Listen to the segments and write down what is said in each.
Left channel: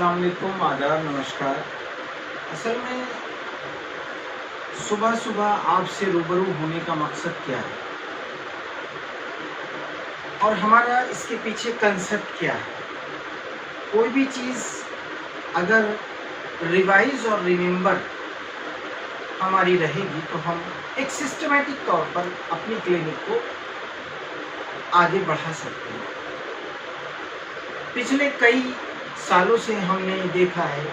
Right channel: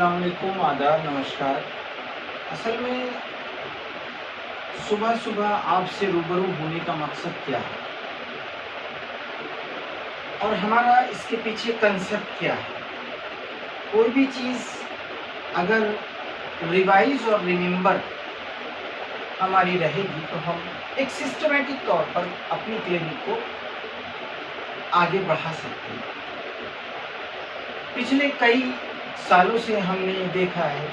अस्सलाम वालेकुम, आदाब, नमस्कार। असल में सुबह-सुबह आपसे रूबरू होने का मकसद क्या है? और हमारा इसके पीछे कंसेप्ट क्या है? कोई भी चीज़ अगर रिवाइज़ और रिमेंबर हमारी रहेगी तो हम एक सिस्टमैटिक तौर पर अपनी क्लिनिक को आगे बढ़ा सकते हैं। पिछले कई सालों से हमने देखा है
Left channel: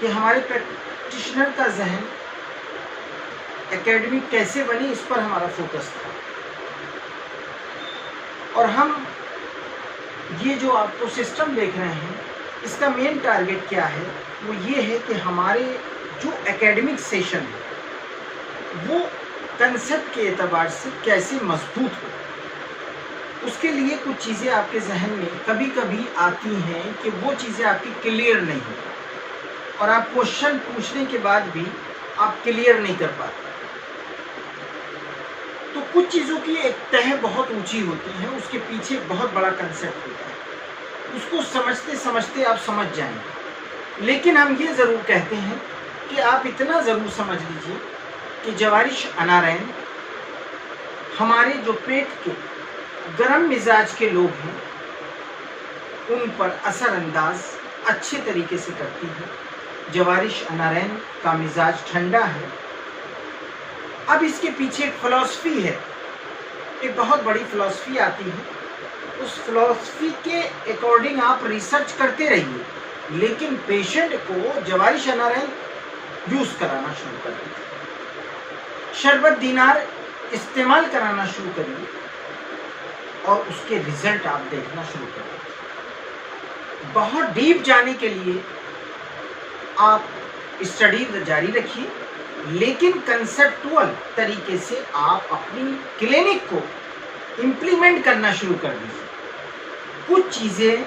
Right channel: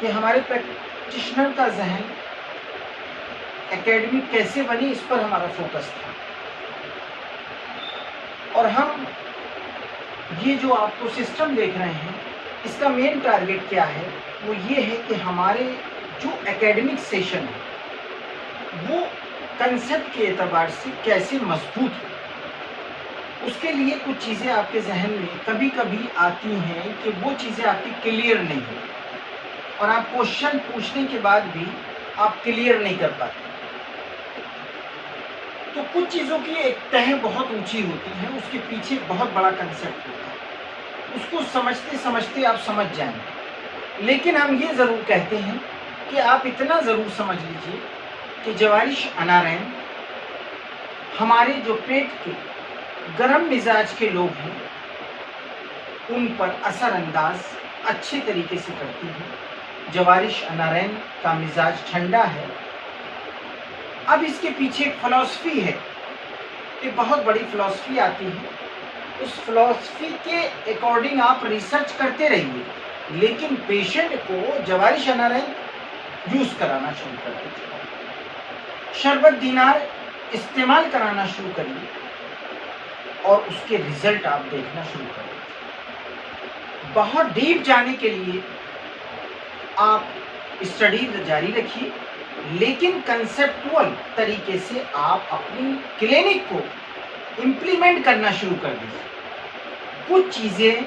कि हमारे प्रैक्टिशनर का ज़हन एकेडमी कैसे बनी, इस पर हमारा फोकस था। और हम ये जो आपको सिस्टम देख रहे हैं, इसका मेन टारगेट क्या है? वो ये है कि हमारे जो एकेडमिक सेशन है वो कंसेप्ट के एतबार से कैसे मजबूत हो। उसके लिए कुछ चीज़ें आपके जहन में कभी-कभी आती हैं कि वो चीज़ें आपकी क्लियर नहीं है और आप क्वेश्चन पूछने के बाद भी आप क्लियर नहीं कर पाते। तो कुछ चीज़ों की एक तह बहुत ऊंची होती है, उसके पीछे बहुत बड़ा कंसेप्ट होता है। उसको समझते समझते आप समझ जाएंगे। लेकिन हम ये ज़रूर कहते हैं कि आप इतना ज़रूर समझ लीजिए कि जवारिश अनारैन हमारे जो पेट के गर्म मिजाज के लोग हैं उन पर असरअंदाज अच्छे तरीके से करती है। जवारिश अनारैन का मिजाज ठंडा है। अब इसके पीछे एक फ़िलॉसफी है, एक बहुत बड़ी फ़िलॉसफी आती है। उस फ़िलॉसफी के अकॉर्डिंग आप रिसर्च करते रहिए, लेकिन पेशेंट को जवारिश अनारैन यूज़ कराना शुरू कर दीजिए। शरबत दीनार इस्तेमाल कराना शुरू करिए और उसके रिजल्ट आप देखना शुरू कर दीजिए। बहुत डीप जाने के लिए आप स्टडी जारी रखिए, लेकिन कंसेप्चुअल तरीके से आप अपनी क्लिनिक को इम्प्लीमेंट करना शुरू कर दीजिए। कुछ चीज़ें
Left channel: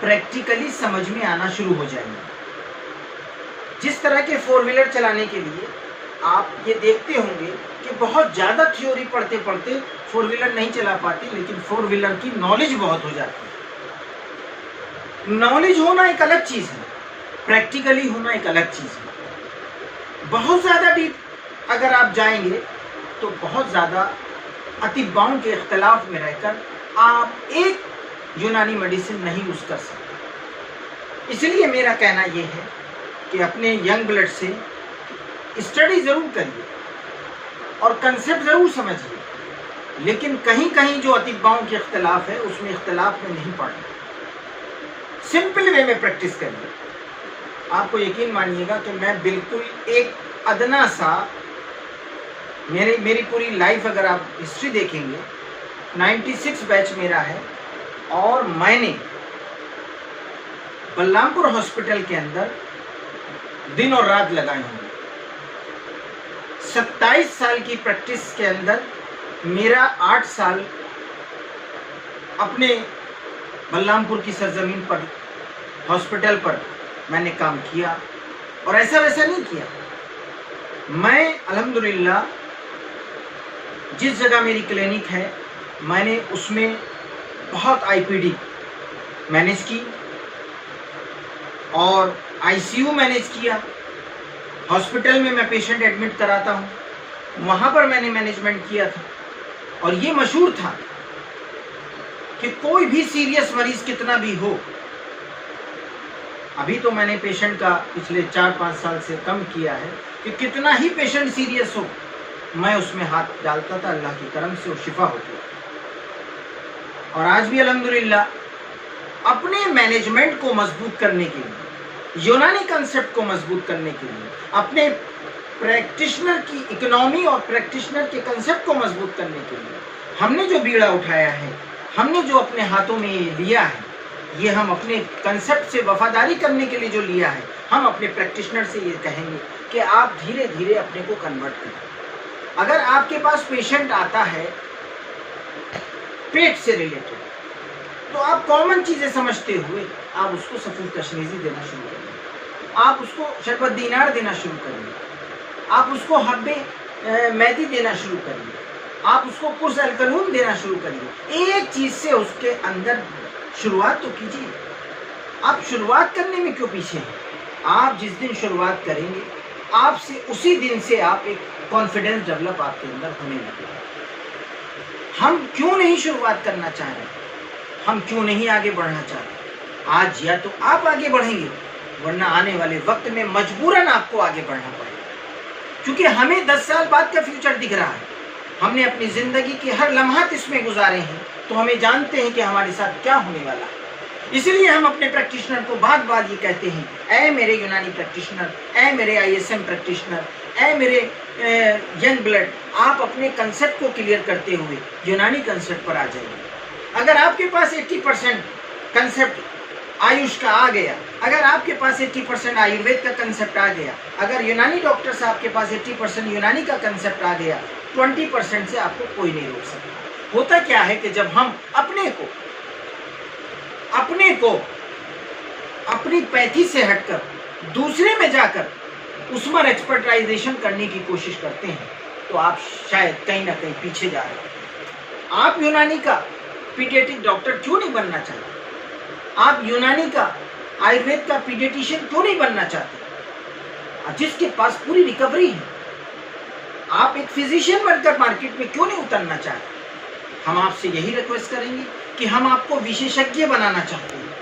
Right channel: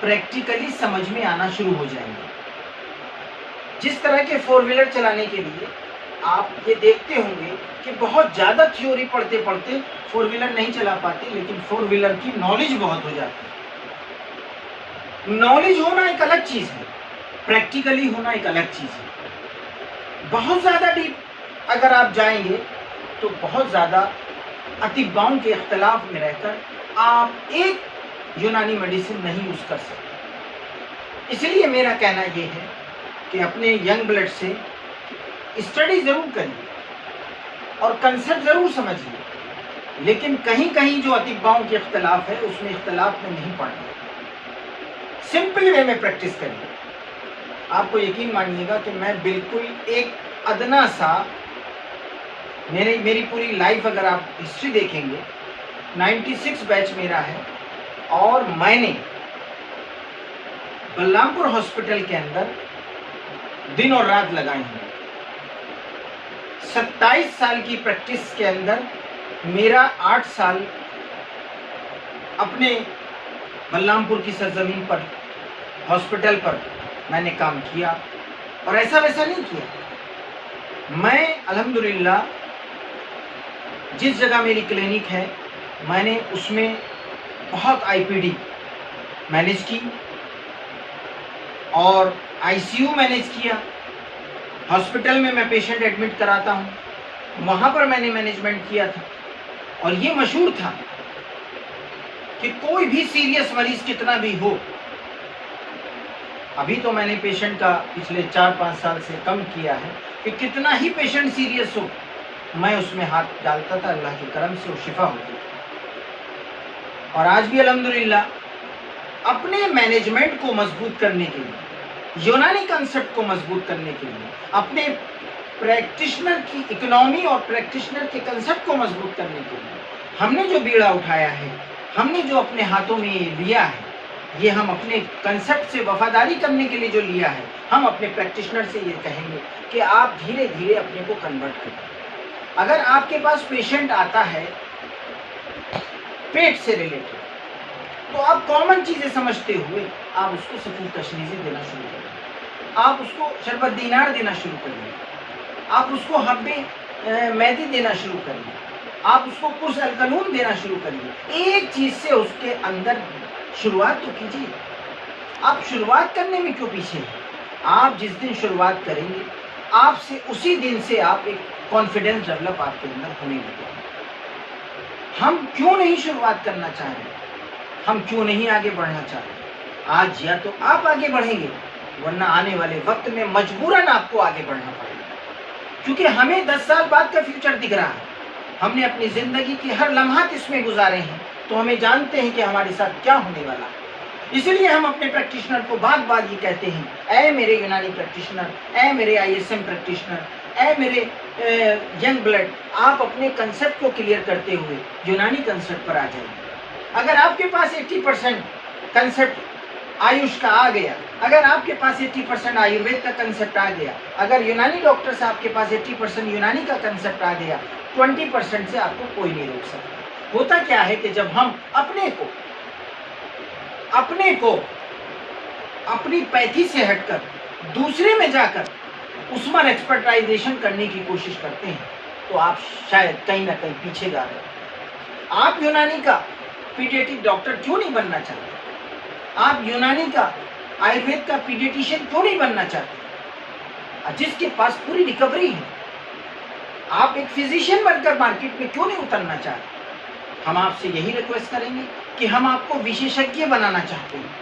प्रैक्टिकली समझ में आना शुरू हो जाएंगी। जिस तरह के 4 व्हीलर चलाने के लिए आप ये देखते होंगे कि बहुत ज़्यादा थ्योरी पढ़ते पढ़ते 4 व्हीलर नहीं चला पाते, लेकिन 4 व्हीलर की नॉलेज बहुत हो जाती है। नॉलेज होना एक अलग चीज़ है, प्रैक्टिकली होना एक अलग चीज़ है। बहुत ज़्यादा डीप अगर आप जाएंगे तो बहुत ज़्यादा अतिबाओं के इख्तलाफ में रहकर आप एक यूनानी मेडिसिन नहीं यूज़ कर सकते। इसलिए मेरा कहना यह है कि अपने यंग ब्लड से स्टडी ज़रूर करिए और कंसेप्ट ज़रूर समझिए, लेकिन कहीं कहीं जो अतिबाओं के इख्तलाफ है उसमें इख्तलाफ में नहीं पड़ना। सिंपल वे में प्रैक्टिस करिए। आपको यकीन मानिएगा कि मैं बिल्कुल एक अदना सा मेरी पूरी लाइफ अगर आप हिस्ट्री देखेंगे, 96 बैच मेरा है और मैंने बलरामपुर हॉस्पिटल के अंदर दिन और रात लगाए हैं। 27 साल की प्रैक्टिस के अंदर मेरा 8 साल अपने बलरामपुर की सरजमीन पर हॉस्पिटल पर मैंने काम किया और ऐसा वैसा नहीं किया। मैं अल्हम्दुलिल्लाह जिस जगह मेरी क्लिनिक है मैंने उसमें बहुत आईपीडी मैनेज की और आईसीयू मैनेज किया। हॉस्पिटल में मैं पेशेंट एडमिट कराता हूँ, वहाँ पर मैंने मैनेजमेंट किया था और ये मशहूर था कि कोई भी सीरियस मरीज कितना भी हो, अभी तो मैंने पेशेंट का पिछले 4-5 साल से कम किया है कि कितना ही पेशेंट सीरियस हो मैं उसमें हाथ डालता था, अल्लाह के करम से वो शिफा होती थी। और आज भी अल्हम्दुलिल्लाह अपने मैनेजमेंट को मजबूत करने के लिए, यूनानी कंसेप्ट को मजबूत करने के लिए, अपने प्रैक्टिशनर की इकोनॉमी और प्रैक्टिशनर के कंसेप्ट को मजबूत करने के लिए हमने जो बीड़ा उठाया है, हमने जो अपने हाथों में लिया है, ये हम अपने कंसेप्ट से वफादारी करने के लिए जो लिया है, हम अपने प्रैक्टिशनर से ये कहेंगे कि आप धीरे धीरे अपने को कन्वर्ट करें। अगर आपके पास पेशेंट आता है पेट से रिलेटेड, तो आप कॉमन चीज़ें समझते हुए आप उसको सफूर कशनीज़ी देना शुरू करिए, आप उसको शरबत दीनार देना शुरू करिए, आप उसको हब्बे मेहंदी देना शुरू करिए, आप उसको कुछ अलकलून देना शुरू करिए। एक चीज़ से उसके अंदर शुरुआत तो कीजिए। आप शुरुआत करने में क्यों पीछे हैं? आप जिस दिन शुरुआत करेंगे, आपसे उसी दिन से आप एक कॉन्फिडेंस डेवलप आपके अंदर होने लगेगा। हम क्यों नहीं शुरुआत करना चाह रहे? हम क्यों नहीं आगे बढ़ना चाह रहे? आज या तो आप आगे बढ़ेंगे, वरना आने वाले वक्त में मजबूरन आपको आगे बढ़ना पड़ेगा, क्योंकि हमें 10 साल बाद का फ्यूचर दिख रहा है। हमने अपनी जिंदगी के हर लम्हात इसमें गुजारे हैं, तो हमें जानते हैं कि हमारे साथ क्या होने वाला है। इसलिए हम अपने प्रैक्टिशनर को बार बार ये कहते हैं, ऐ मेरे यूनानी प्रैक्टिशनर, ऐ मेरे ISM प्रैक्टिशनर, ऐ मेरे यंग ब्लड, आप अपने कंसेप्ट को क्लियर करते हुए यूनानी कंसेप्ट पर आ जाइए। अगर आपके पास 80% कंसेप्ट आयुष का आ गया, अगर आपके पास 80% आयुर्वेद का कंसेप्ट आ गया, अगर यूनानी डॉक्टर से आपके पास 80% यूनानी का कंसेप्ट आ गया, 20% से आपको कोई नहीं रोक सकता। होता क्या है कि जब हम अपने को अपनी पैथी से हटकर दूसरे में जाकर उसमें एक्सपर्टाइजेशन करने की कोशिश करते हैं, तो आप शायद कहीं ना कहीं पीछे जा रहे हैं। आप यूनानी का पीडियाट्रिक डॉक्टर क्यों नहीं बनना चाहते? आप यूनानी का आयुर्वेद का पीडियाट्रिशियन क्यों नहीं बनना चाहते, जिसके पास पूरी रिकवरी है? आप एक फिजिशियन बनकर मार्केट में क्यों नहीं उतरना चाहते? हम आपसे यही रिक्वेस्ट करेंगे कि हम आपको विशेषज्ञ बनाना चाहते हैं,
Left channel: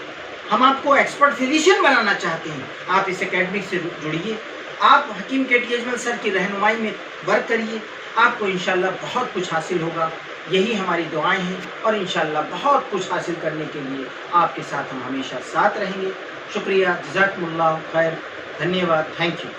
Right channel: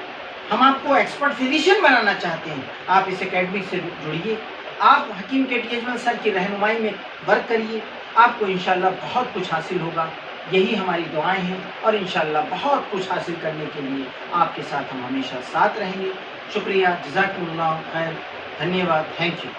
हम आपको एक्सपर्ट फिजिशियन बनाना चाहते हैं। आप इस एकेडमी से जुड़िए, आप हकीम KT अजमल सर की रहनुमाई में वर्क करिए, आपको इंशाल्लाह बहुत कुछ हासिल होगा। यही हमारी दुआएं हैं, और इंशाल्लाह बहुत कुछ हासिल करने के लिए आपके साथ हम हमेशा साथ रहेंगे। शुक्रिया, जज़ाकुमुल्लाह खैर, धन्यवाद, थैंक यू।